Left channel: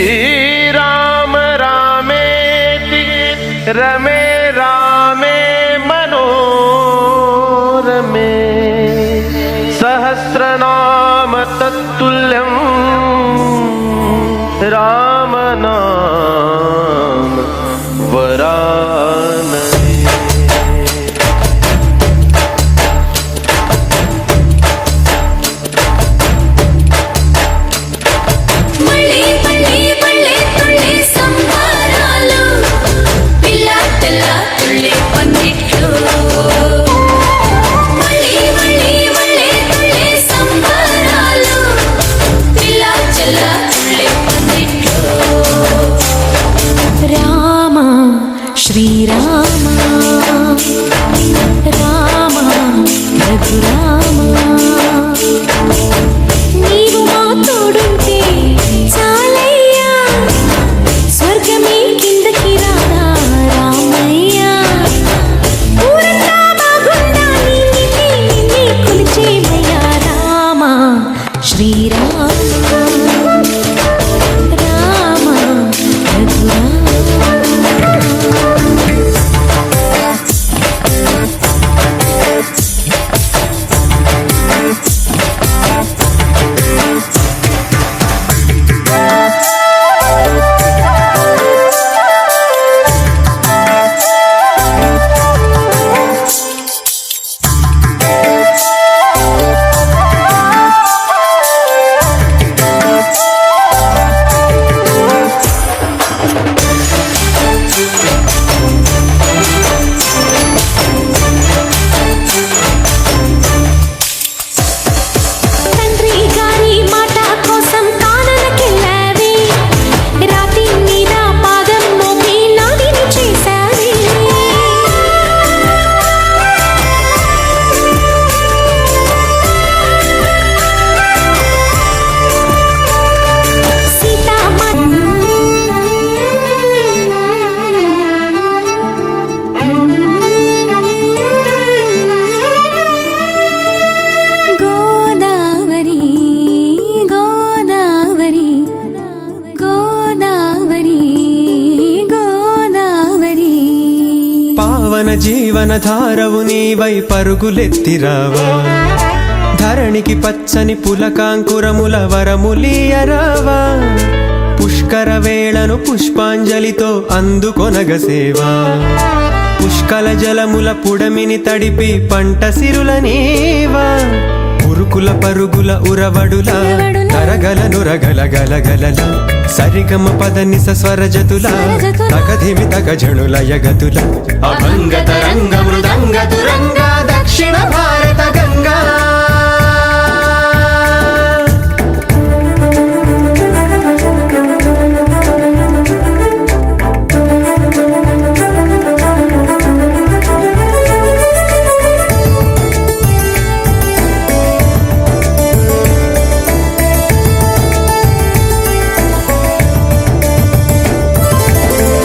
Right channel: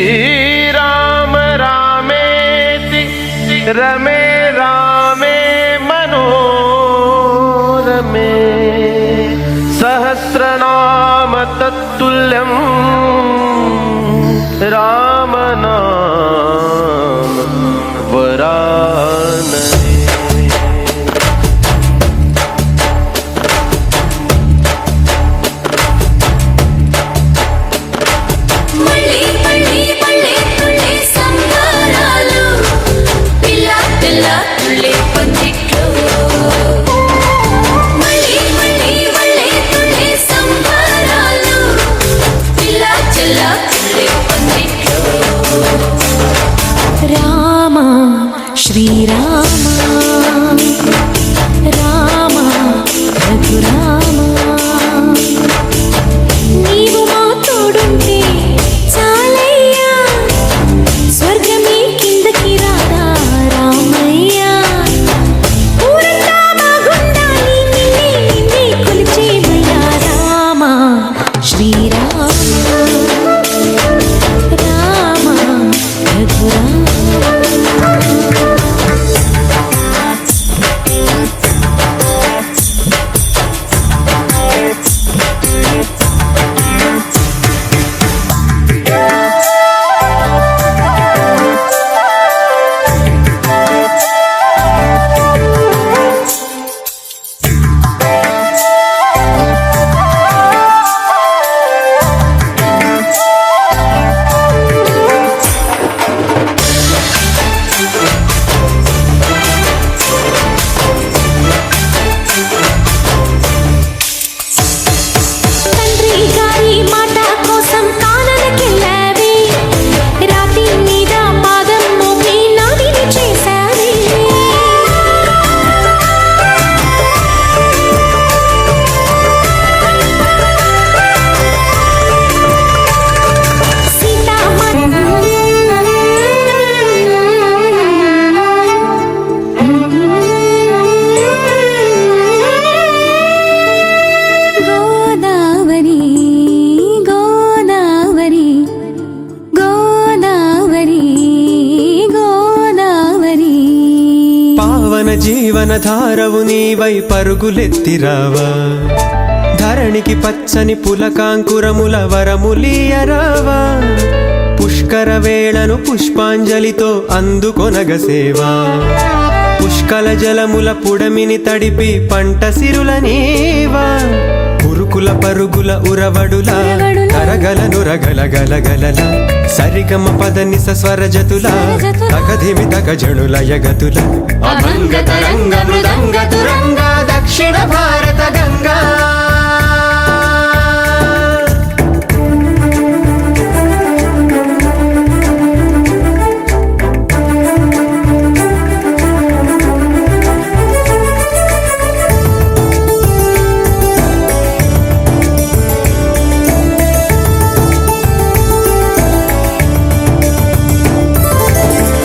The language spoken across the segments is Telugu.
श्रीराम रामेति रमे रामे मनोरमे सहस्रनाम तत्तुल्यं रामनाम वरानने। రామ శ్రీరామ రామ రఘురామ నీవు మా తోడుంటే చాలయ్యా స్వర్గమే కిందకి రాదా రామయ్యా ఊరంతా బాగుండాలి నిన్నే నిన్నే కొలిచేమయ్యా రామ శ్రీరామ రామ రఘురామ పావన జీవన ధారవు నీవై పరుగులెత్తిరావా ధరణికి పచ్చని పులకాంకురముల వరములీయరావా పుష్కర వేళను పుష్పాంజలితో అందుకొనగసేవా పుష్కల జలముల పుడమిని తడిపి పంట సిరుల నీవా ఉరుకుల పరుగుల ఉరవడుల తరగల నురగల గలగలల సరిగమ పదని స్వరజతుల తగధిమి తగజణుల యగతుల అభంగ తరంగ మృదంగ తురంగ దక్షిణ భారత గంగా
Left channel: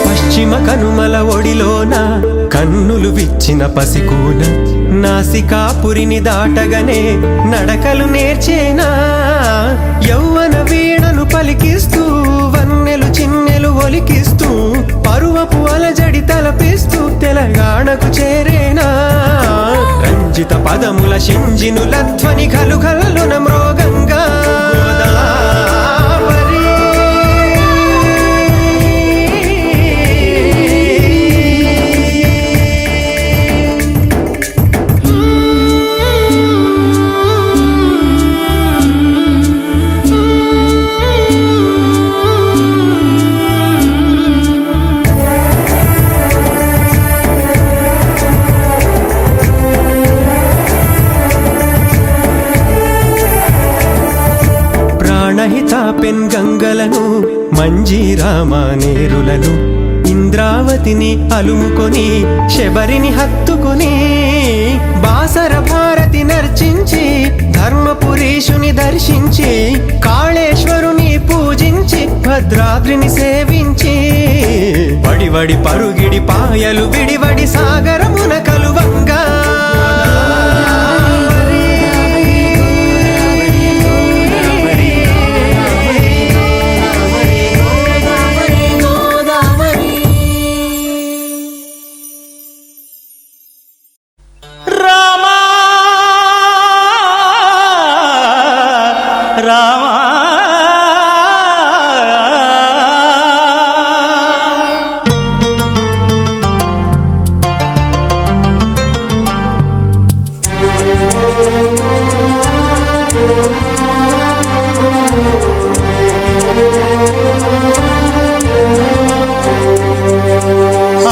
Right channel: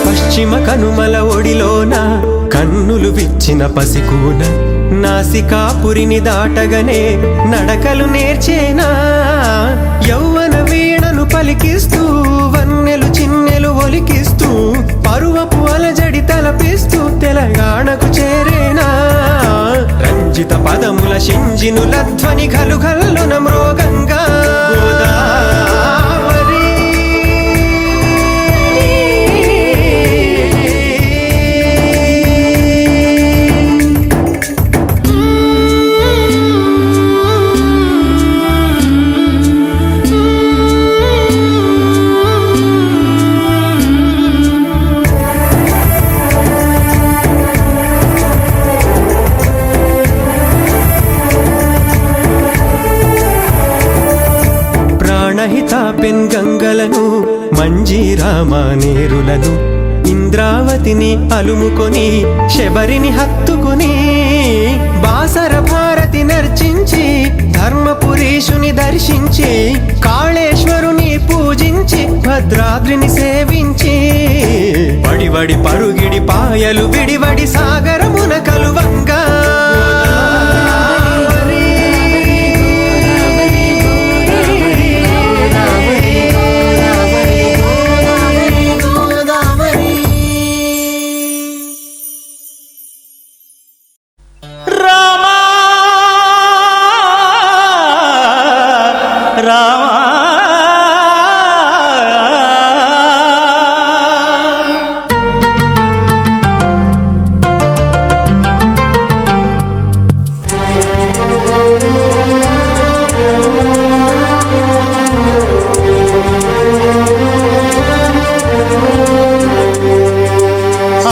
పశ్చిమ కనుమల ఒడిలోన కన్నులు విచ్చిన పసికూన నాసికాపురిని దాటగనే నడకలు నేర్చేనా యౌవన వీణను పలికిస్తూ వన్నెలు చిన్నెలు ఒలికిస్తూ పరువపు అలజడి తలపిస్తూ తెలంగాణకు చేరేనా రంజిత పదముల షింజినుల ధ్వని గలుగల్లున మ్రోగంగా ప్రాణహిత పెన్గంగలను మంజీరామానేరులను ఇంద్రావతిని అలుముకొని శబరిని హత్తుకొని బాసర భారతి నర్చించి ధర్మపురీషుని దర్శించి కాళేశ్వరుని పూజించి భద్రాద్రిని సేవించి వడివడి పరుగిడి పాయలు విడివడి సాగరమున కలువంగా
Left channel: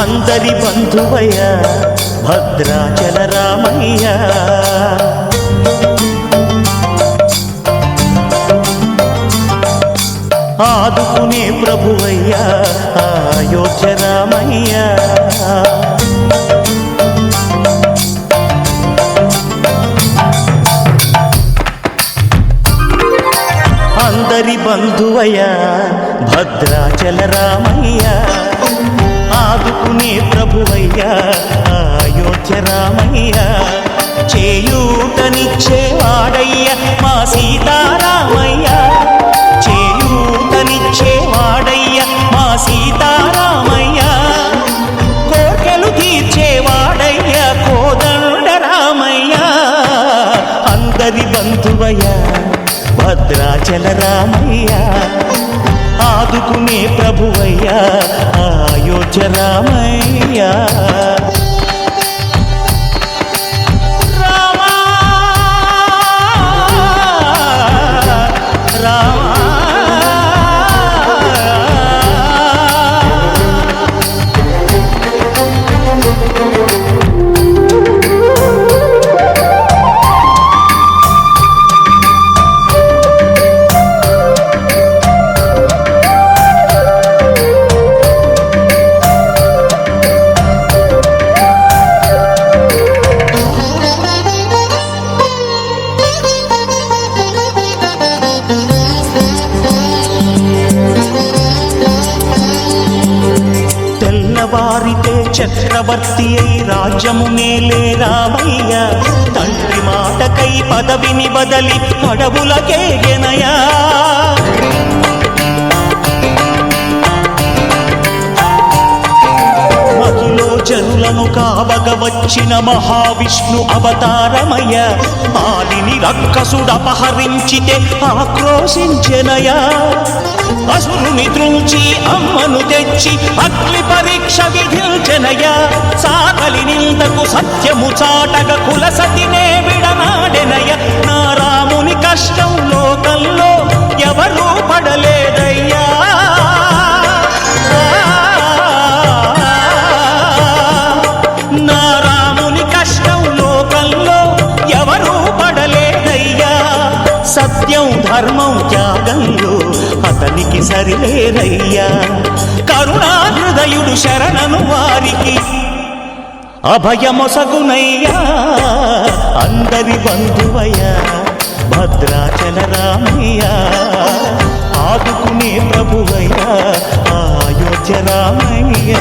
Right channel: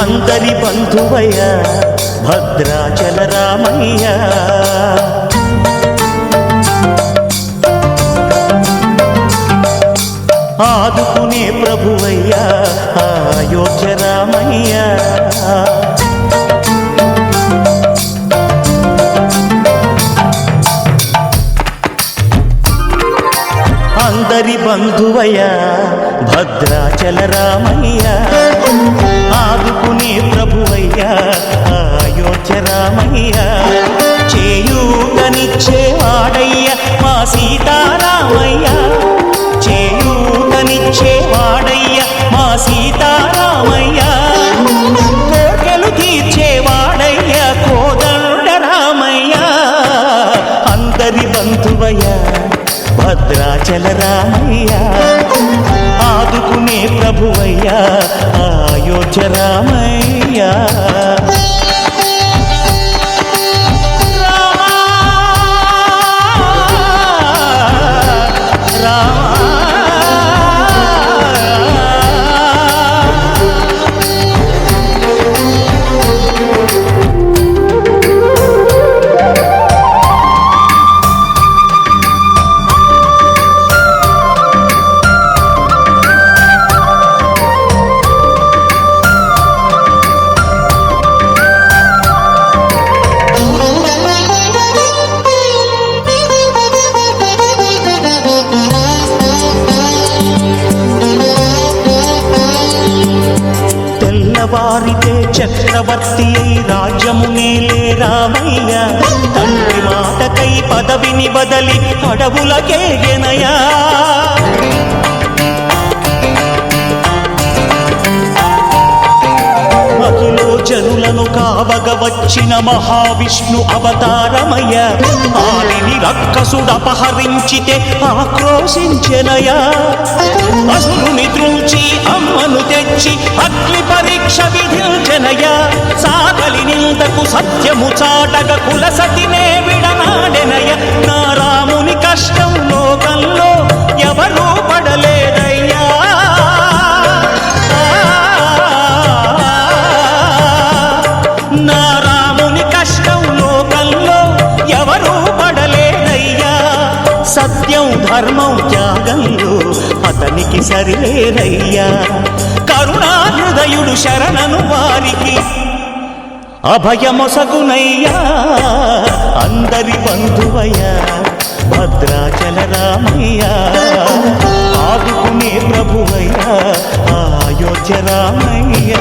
అందరి బంధువయ్య భద్రాచల రామయ్య ఆదుకునే ప్రభువయ్య అయోధ్య రామయ్య అందరి బంధువయ్య భద్రాచల రామయ్య ఆదుకునే ప్రభువయ్య అయోధ్య రామయ్య చేయూతనిచ్చేవాడయ్య మా సీతారామయ్య చేయూతనిచ్చేవాడయ్య మా సీతారామయ్య కోర్కెలు తీర్చేవాడయ్య కోదండ రామయ్య అందరి బంధువయ్య భద్రాచల రామయ్య ఆదుకునే ప్రభువయ్య అయోధ్య రామయ్య రామా రామా వారితే చక్రవర్తి అయి రాజ్యమునేలే రామయ్య తండ్రి మాటకై పదవిని బదలి అడవులకేగెనయా మహిలో జనులను కావగ వచ్చిన మహావిష్ణు అవతారమయ్య పాలిని రక్కసుడపహరించితే ఆక్రోశించెనయా అసురుని ద్రుంచి అమ్మను తెచ్చి అగ్ని పరీక్ష విధించెనయా సాగలి నిందకు సత్యము చాటగ కులసతినే విడనాడెనయ నా రాముని కష్టం లోకంలో ఎవరూ పడలేదయ్యా నా రాముని కష్టం లోకంలో ఎవరూ పడలేదయ్యా సత్యం ధర్మం త్యాగంలో అతనికి సరిలేరయ్యా కరుణాహృదయుడు శరణను వారికి అభయమొసగునయ్యా అందరి బంధువయ్య భద్రాచల రామయ్య ఆదుకునే ప్రభువయ్య అయోధ్య రామయ్య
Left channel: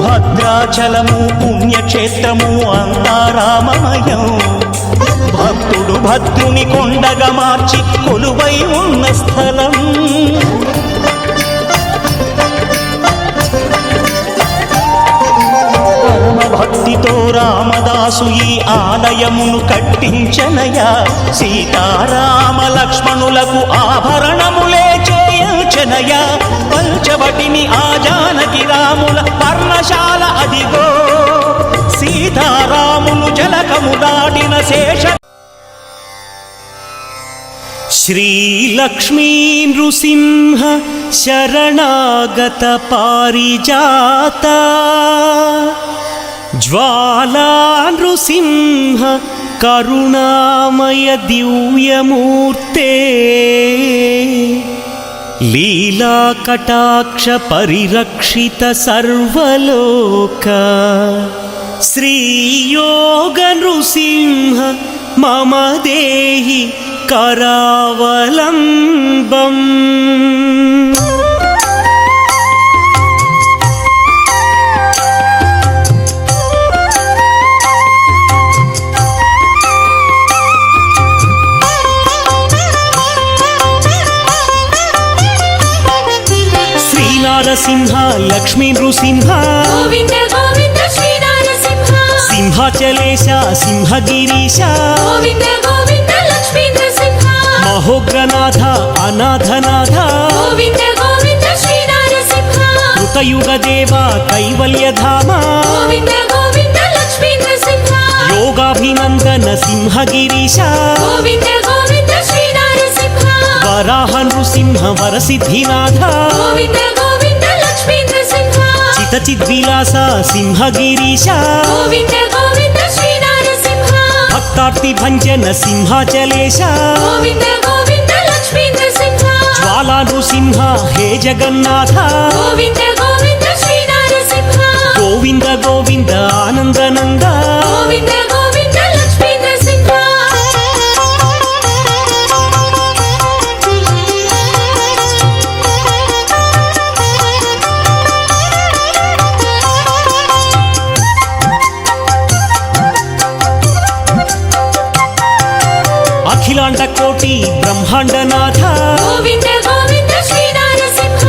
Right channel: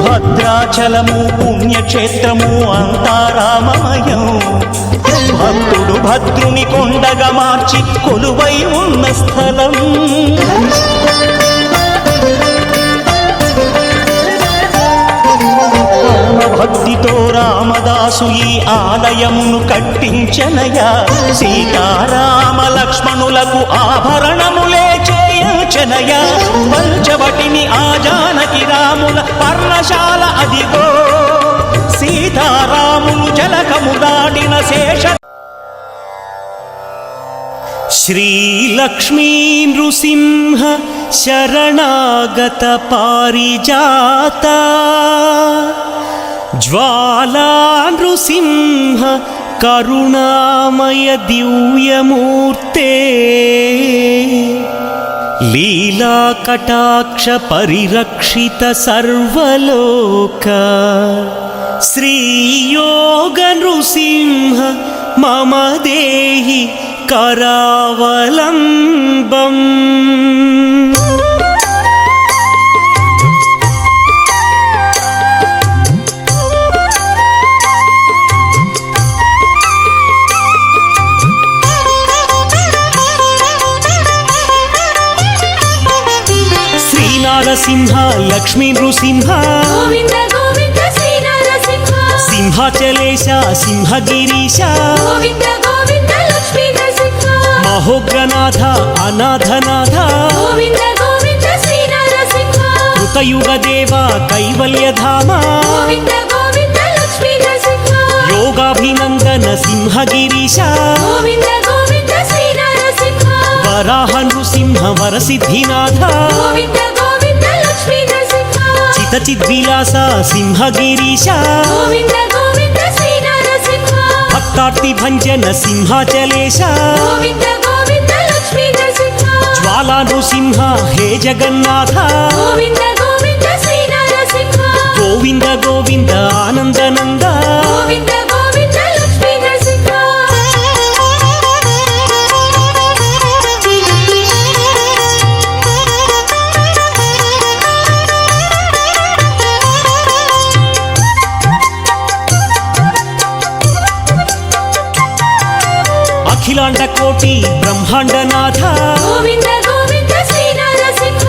భద్రాచలము పుణ్యక్షేత్రము అంతా రామమయం భక్తుడు భద్రుని కొండగా మార్చి కొలువై ఉన్న స్థలం పరమ పరమ భక్తితో రామదాసు ఈ ఆలయమును కట్టించనయా. సీతారామ లక్ష్మణులకు ఆభరణములే చేయించనయా. పంచవటిని ఆ జానకి రాముల పర్ణశాల అదిగో. సీతారాములు జలకము దాడిన శేష శ్రీ లక్ష్మీ నృసింహ శరణాగత పారిజాత జ్వాలా నృసింహ కరుణామయ దివ్యమూర్తే లీలా కటాక్ష పరిరక్షిత సర్వలోక శ్రీయోగ నృసింహ మమ దేహి కరావలంబం. శ్రీనారసింహ లక్ష్మీ నృసింహ గోవింద గోవింద శ్రీ నరసింహ. సింహాచలేశ సింహగిరీశ గోవింద గోవింద లక్ష్మీ నరసింహ. మహోగ్రనాథ అనాథనాథ గోవింద గోవింద శ్రీ నరసింహ. కృతయుగదేవ కైవల్యధామ గోవింద గోవింద లక్ష్మీ నరసింహ. యోగాభినందన సింహగిరీశ గోవింద గోవింద శ్రీ నరసింహ. వరాహ నృసింహ వరసిద్ధినాథ గోవింద గోవింద లక్ష్మీ నరసింహ. చితచిద్విలాస సింహగిరీశ గోవింద గోవింద శ్రీ నరసింహ. భక్తార్తి భంజన సింహాచలేశ గోవింద గోవింద లక్ష్మీ నరసింహ. జ్వాలా నృసింహ హే జగన్నాథ గోవింద గోవింద శ్రీ నరసింహ. గోవింద గోవింద ఆనందనంద గోవింద గోవింద లక్ష్మీ నరసింహ. అఖిలాండ కోటి బ్రహ్మాండనాథ గోవింద గోవింద శ్రీ నరసింహ.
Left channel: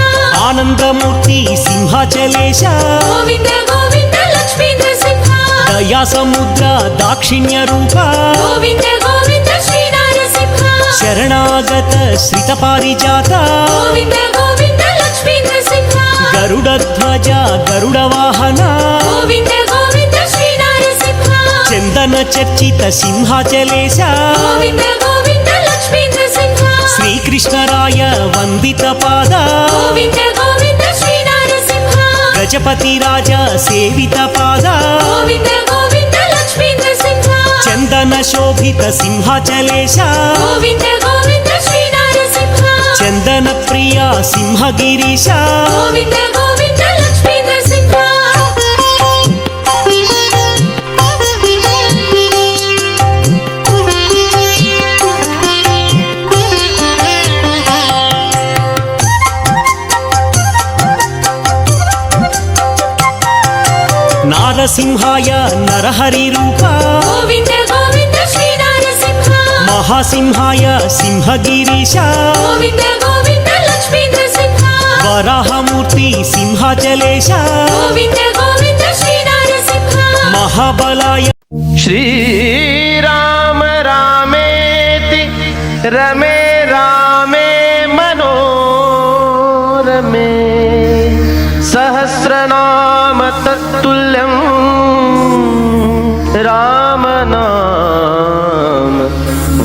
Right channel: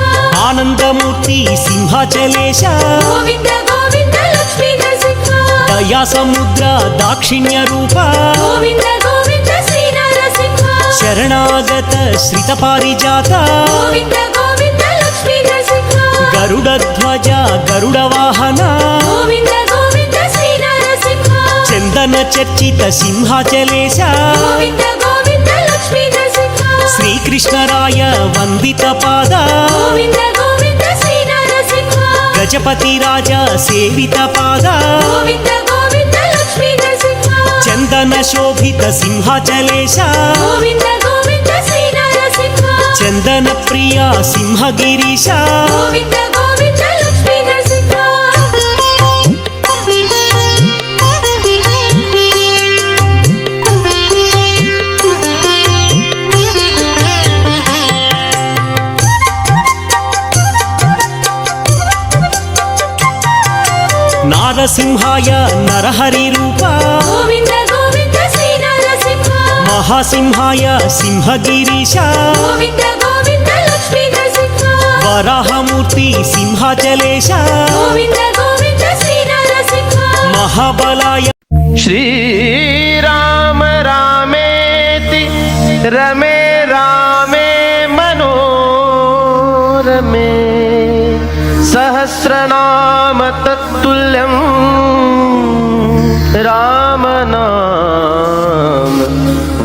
ఆనందమూర్తి సింహాచలేశ గోవింద గోవింద లక్ష్మీ నరసింహ. దయా సముద్ర దాక్షిణ్య రూప గోవింద గోవింద శ్రీ నరసింహ. శరణాగత శ్రిత పారిజాత గోవింద గోవింద లక్ష్మీ నరసింహ. గరుడధ్వజ గరుడ వాహన గోవింద గోవింద శ్రీ నరసింహ. చందన చర్చిత సింహాచలేశ గోవింద గోవింద లక్ష్మీ నరసింహ. శ్రీకృష్ణరాయ వందిత పాద గోవింద గోవింద శ్రీ నరసింహ. గజపతి రాజ సేవిత పాద గోవింద గోవింద లక్ష్మీ నరసింహ. చందన శోభిత సింహాచలేశ గోవింద గోవింద శ్రీ నరసింహ. చందన ప్రియ సింహగిరీశ గోవింద గోవింద లక్ష్మీ నరసింహ. నారసింహాయ నరహరి రూప గోవింద గోవింద శ్రీ నరసింహ. మహాసింహాయ సింహగిరీశ గోవింద గోవింద లక్ష్మీ నరసింహ. వరాహమూర్తి సింహాచలేశ గోవింద గోవింద శ్రీ నరసింహ. మహాబలాయ श्रीराम रामेति रमे रामे मनोरमे सहस्रनाम तत्तुल्यं रामनाम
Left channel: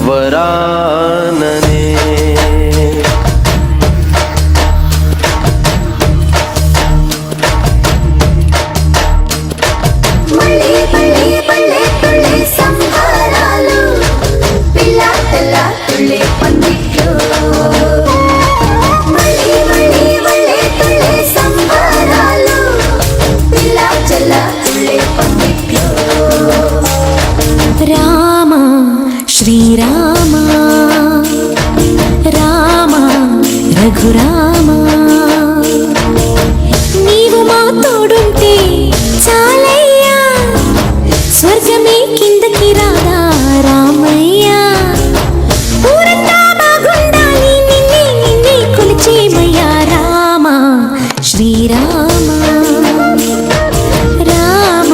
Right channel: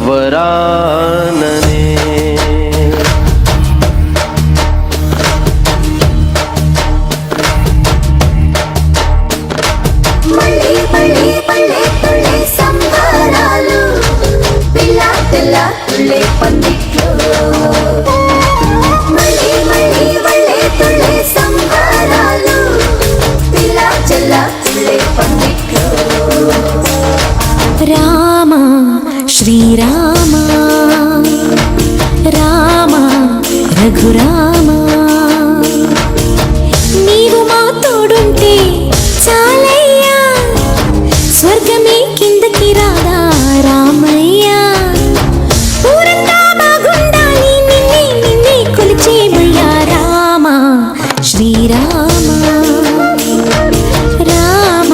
वरानने. మళ్ళీ మళ్ళీ మళ్ళీ తుళ్ళే సంబరాలు, పిల్లాటల తుళ్ళే పందిట్లు. మళ్ళీ మళ్ళీ మళ్ళీ తుళ్ళే సంబరాలు, పిల్లాటల తుళ్ళే పందిట్లు. రామ శ్రీరామ రామ రఘురామ నీవు మా తోడుంటే చాలయ్యా, స్వర్గమే కిందకి రాదా రామయ్యా. ఊరంతా బాగుండాలి నిన్నే నిన్నే కొలిచేమయ్యా. రామ శ్రీరామ రామ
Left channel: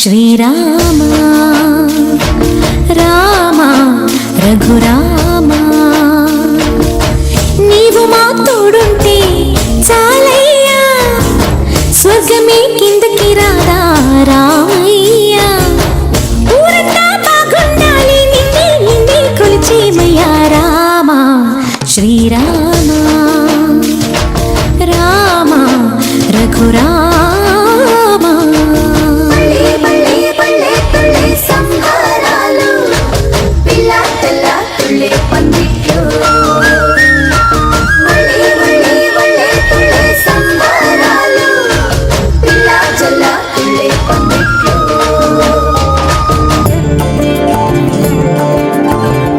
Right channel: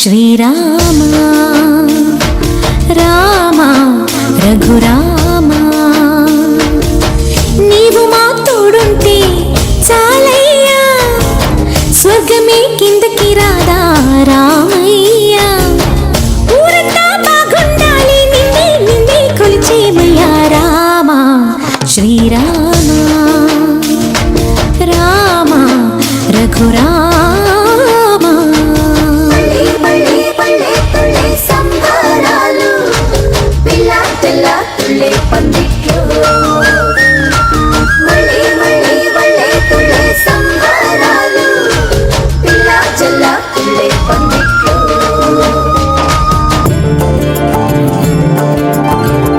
శ్రీరామ రామ రఘురామ నీవు మా తోడుంటే చాలయ్యా స్వర్గమే కిందకి రాదా రామయ్యా ఊరంతా బాగుండాలి నిన్నే నిన్నే కొలిచేమయ్యా రామ శ్రీరామ రామ రఘురామ పల్లె పల్లె పల్లె తుళ్ళే సంబరాలు పిల్ల పిల్ల తుళ్ళే పందిట్లు మళ్ళీ మళ్ళీ మళ్ళీ తుళ్ళే సంబరాలు పిల్ల జల్ల తుళ్ళే పందిట్లు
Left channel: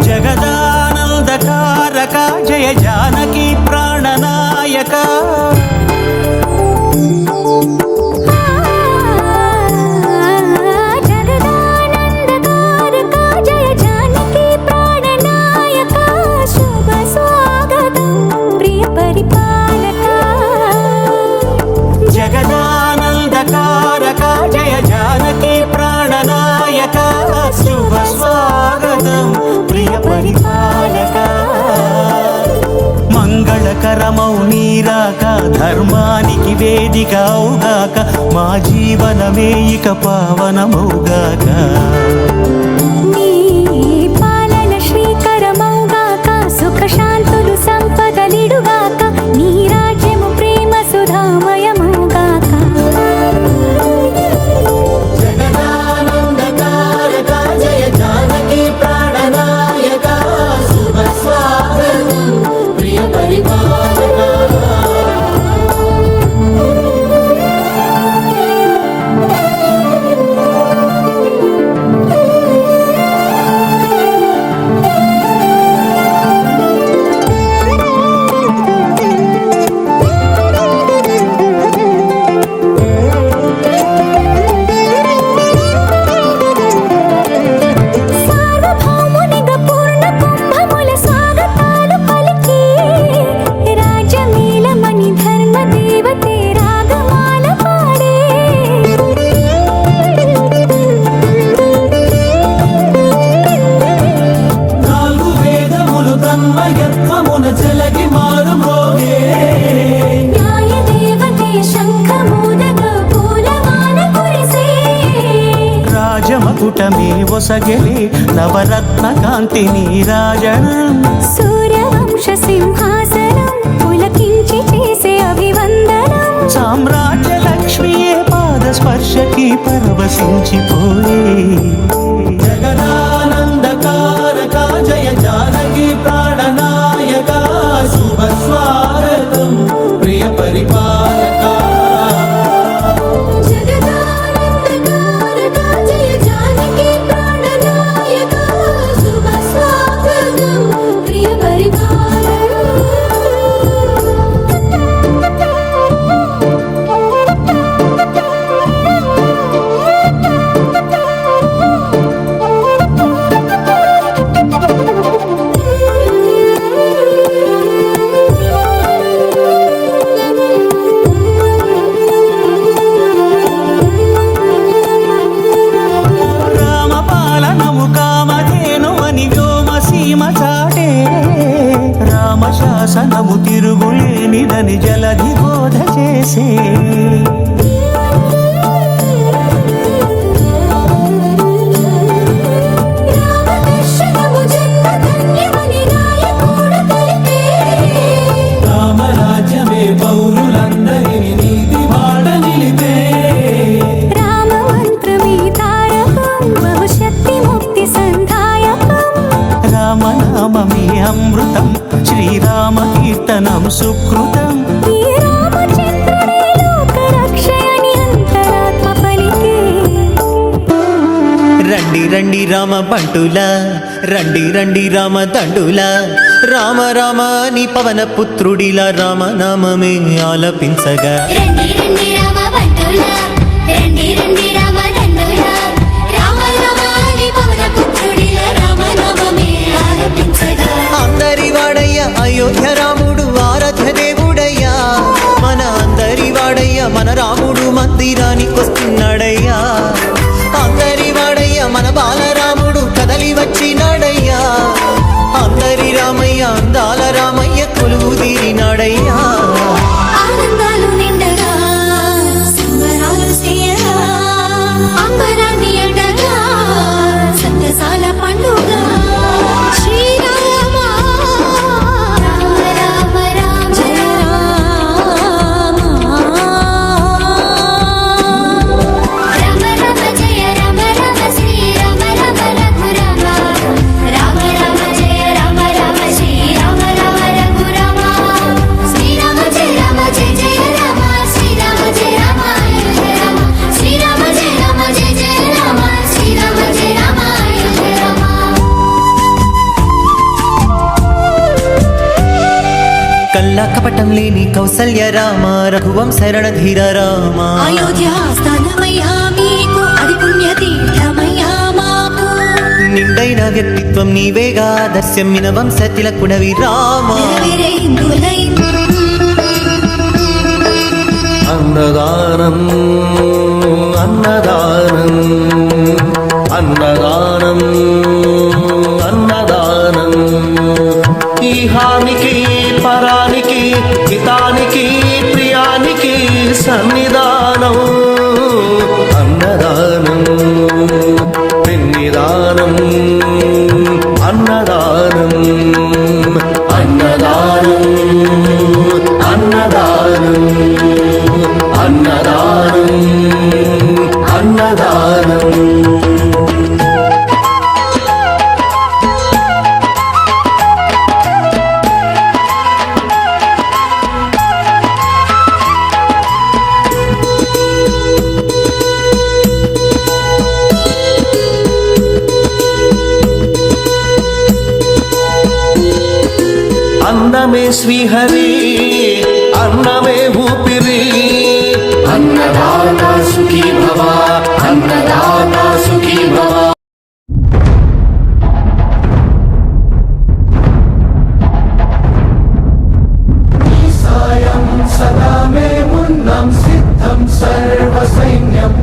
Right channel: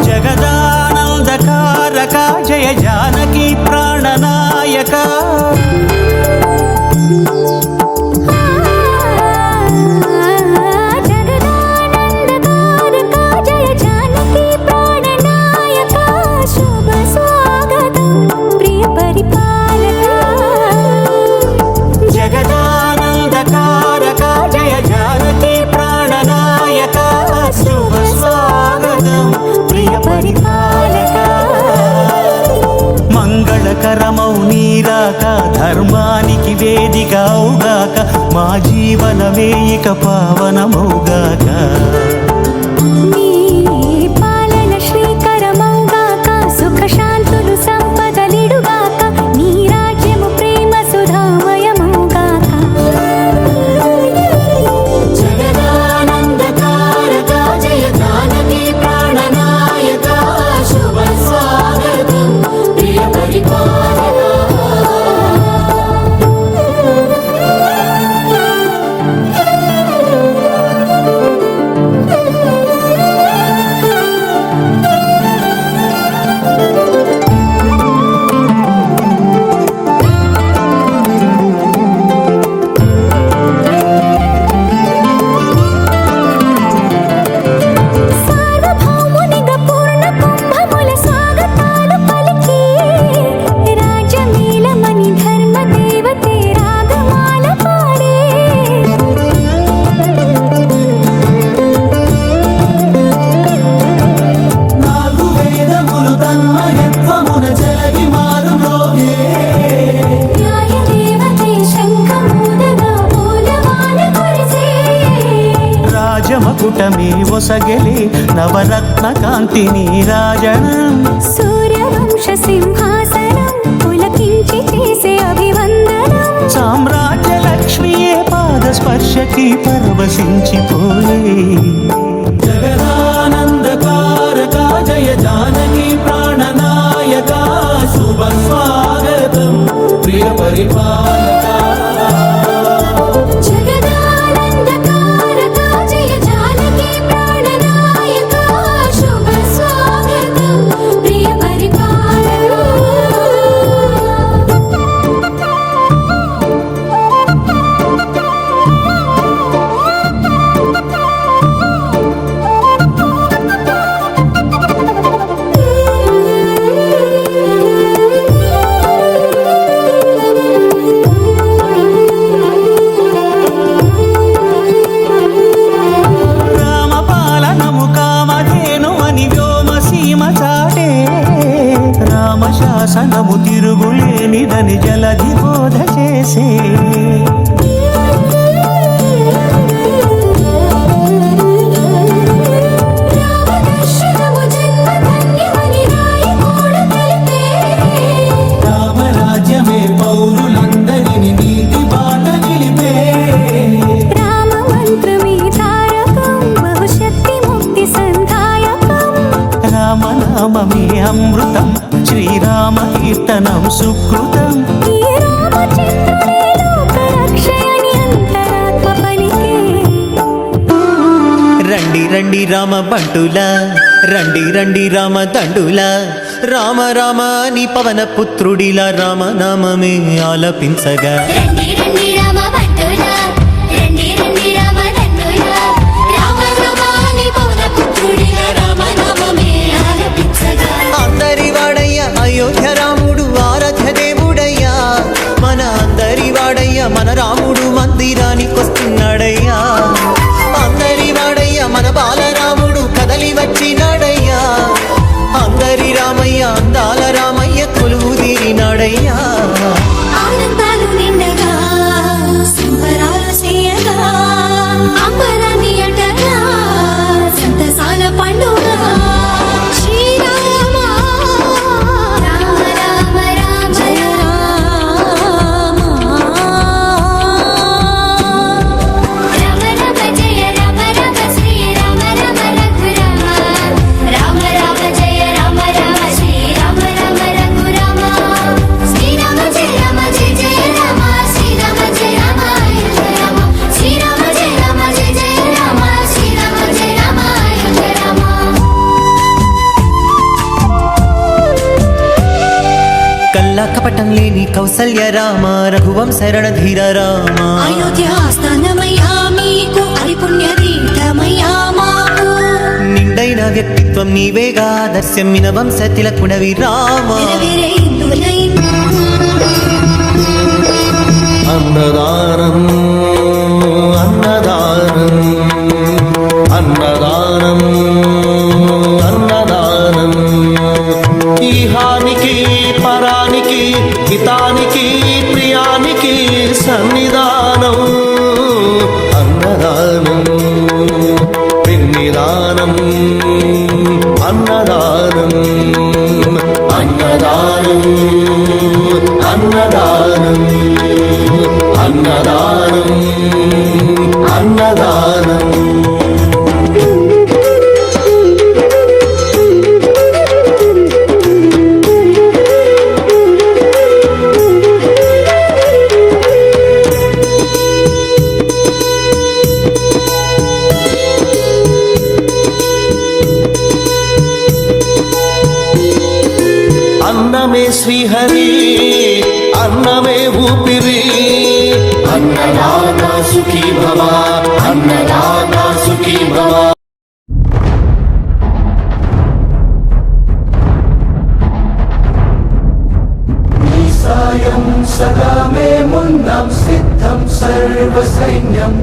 జగదానందకారక జయ జానకి ప్రాణనాయక జగదానందకారక జయ జానకి ప్రాణనాయక శుభ స్వాగతం ప్రియ పరిపాలక జగదానందకారక జయ జానకి ప్రాణనాయక శుభ స్వాగతం ప్రియ పరిపాలక మంగళకరమౌ నీరాక ధర్మానికి వేదిక అవుగాక మా జీవనమే ఇక పావనమౌగాక నీ పాలన శ్రీకరమౌగాక సుఖ శాంతులు సంపదలిడుగాక నీ రాజ్యము ప్రేమ సుధామయమౌగాక సార్వభౌమునిగా పూర్ణ కుంభముల స్వాగతాలు పలికి రాజమీలమణి ధర్మ దేవతే రాగమాల పాడే న్యాయ దేవతే శంఖమూదగా పూలమాల కురిసే రాజమకుటమే ఒసగెలి నవరత్న కాంతి నీరాజనం సూర్యవంశ సింహాసనం పులకించి చేసే అభివందనం సామ్రాజ్య లక్ష్మియే పాద స్పర్శకి పరవశించిపోయే జగదానందకారక జయ జానకి ప్రాణనాయక శుభ స్వాగతం ప్రియ పరిపాలక జగదానందకారక జయ జానకి ప్రాణనాయక శుభ స్వాగతం ప్రియ రామపాలనము కామధేను అని వ్యోమసీమ చాటే రామశాసనము తిరుగులేనిదని జలధి బోధ చేసే రామదర్శనము జన్మధన్యమని నాయకుడు తెలిపే రామరాజ్యమే పౌరులందరిని నీతి బాట నిలిపే రామ మంత్రమే తారకం బహుశక్తి ముక్తి సంధాయకం రామనామమే అమృతం శ్రీరామ కీర్తనం సుకృతం ఈ రామచంద్రుడే లోక రక్షయని అంతరాత్మ పలికే రండి రండి రామ బంటులా రండి రండి రామ దండులా రామ రామ అని పవన పుత్రుడిలా రామనామమే ఆలపించగా రండి రండి రామ భట్టులా రండి రండి రామ దండులా రామ రామాని పవన పుత్రుడిలా రామనామమే ఆలపించగా అందరి వాడయ్య అయోధ్య రాముడు ఆరాధ్య దేవుడయ్యా మన అందరి వాడయ్య మన రాముడు మందిరానికొస్తున్నాడయ్యా అందరి వాడయ్య మన బాలరాముడు కదలి వచ్చినాడయ్యా అందరి రామయ్య అందాల రామయ్య కొలువు తీరినాడయ్యా ఆనందాలు నిండగా సంబరాలు చేయగా అంబరాన్ని అండగా సంతసాల పండుగ శ్రీరామ రామ రామ జయ రామ రామ రామ జయ రామ రామ శ్రీరామ రామ రఘురామ రామ రామ జయ రామ రామ శ్రీరామ రామ రఘురామ శ్రీరామ జయ రామ జయ జయ రామ శ్రీరామ జయ రామ అయోధ్య రామ శ్రీరామ జయ రామ జయ జయ రామ శ్రీరామ జయ రామ అయోధ్య రామ కల్లా కపటం లేని కౌసల్య రామ రఘువంశ రణధీర రామ అయోధ్యాస్థానమయ్యా మీకు పుణ్య తీర్థమయ్యా మాకు నిండైన వ్యక్తిత్వం నీవేగా దర్శమ్మిన వంశ తిలకుడవి రామ అన్నదానం అన్నదానం అన్నదానం అన్నదానం ఈహానికి పరానికి హితానికి ప్రియానికి సన్నిధానం అన్నదానం పిన్నిదానం అన్నదానం అన్నదానం అన్నదానం అన్నదానం అన్నదానం అన్నమే శ్రీహరి అన్నమే ఊపిరి అన్నదాత సుఖీ భవ అన్నదాత సుఖీ భవ సాయం సదా మే మున్నం సిద్ధం సర్వసైన్యం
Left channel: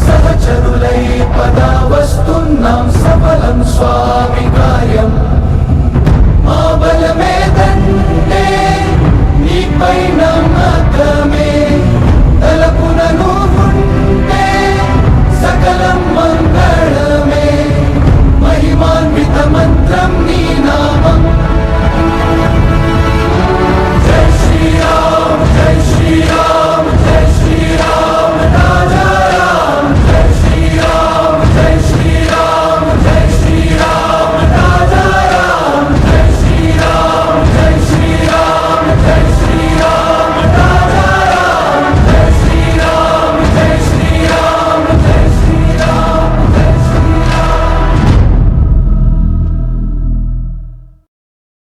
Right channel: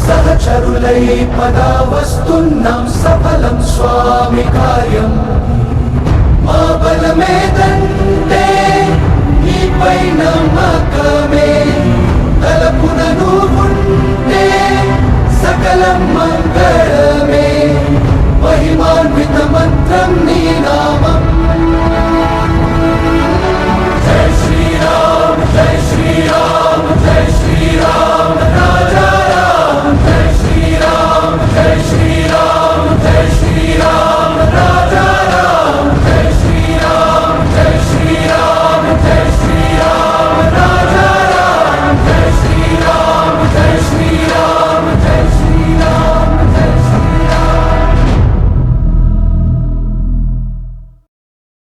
సహచరులై పదా వస్తున్నాం సఫలం స్వామి కార్యం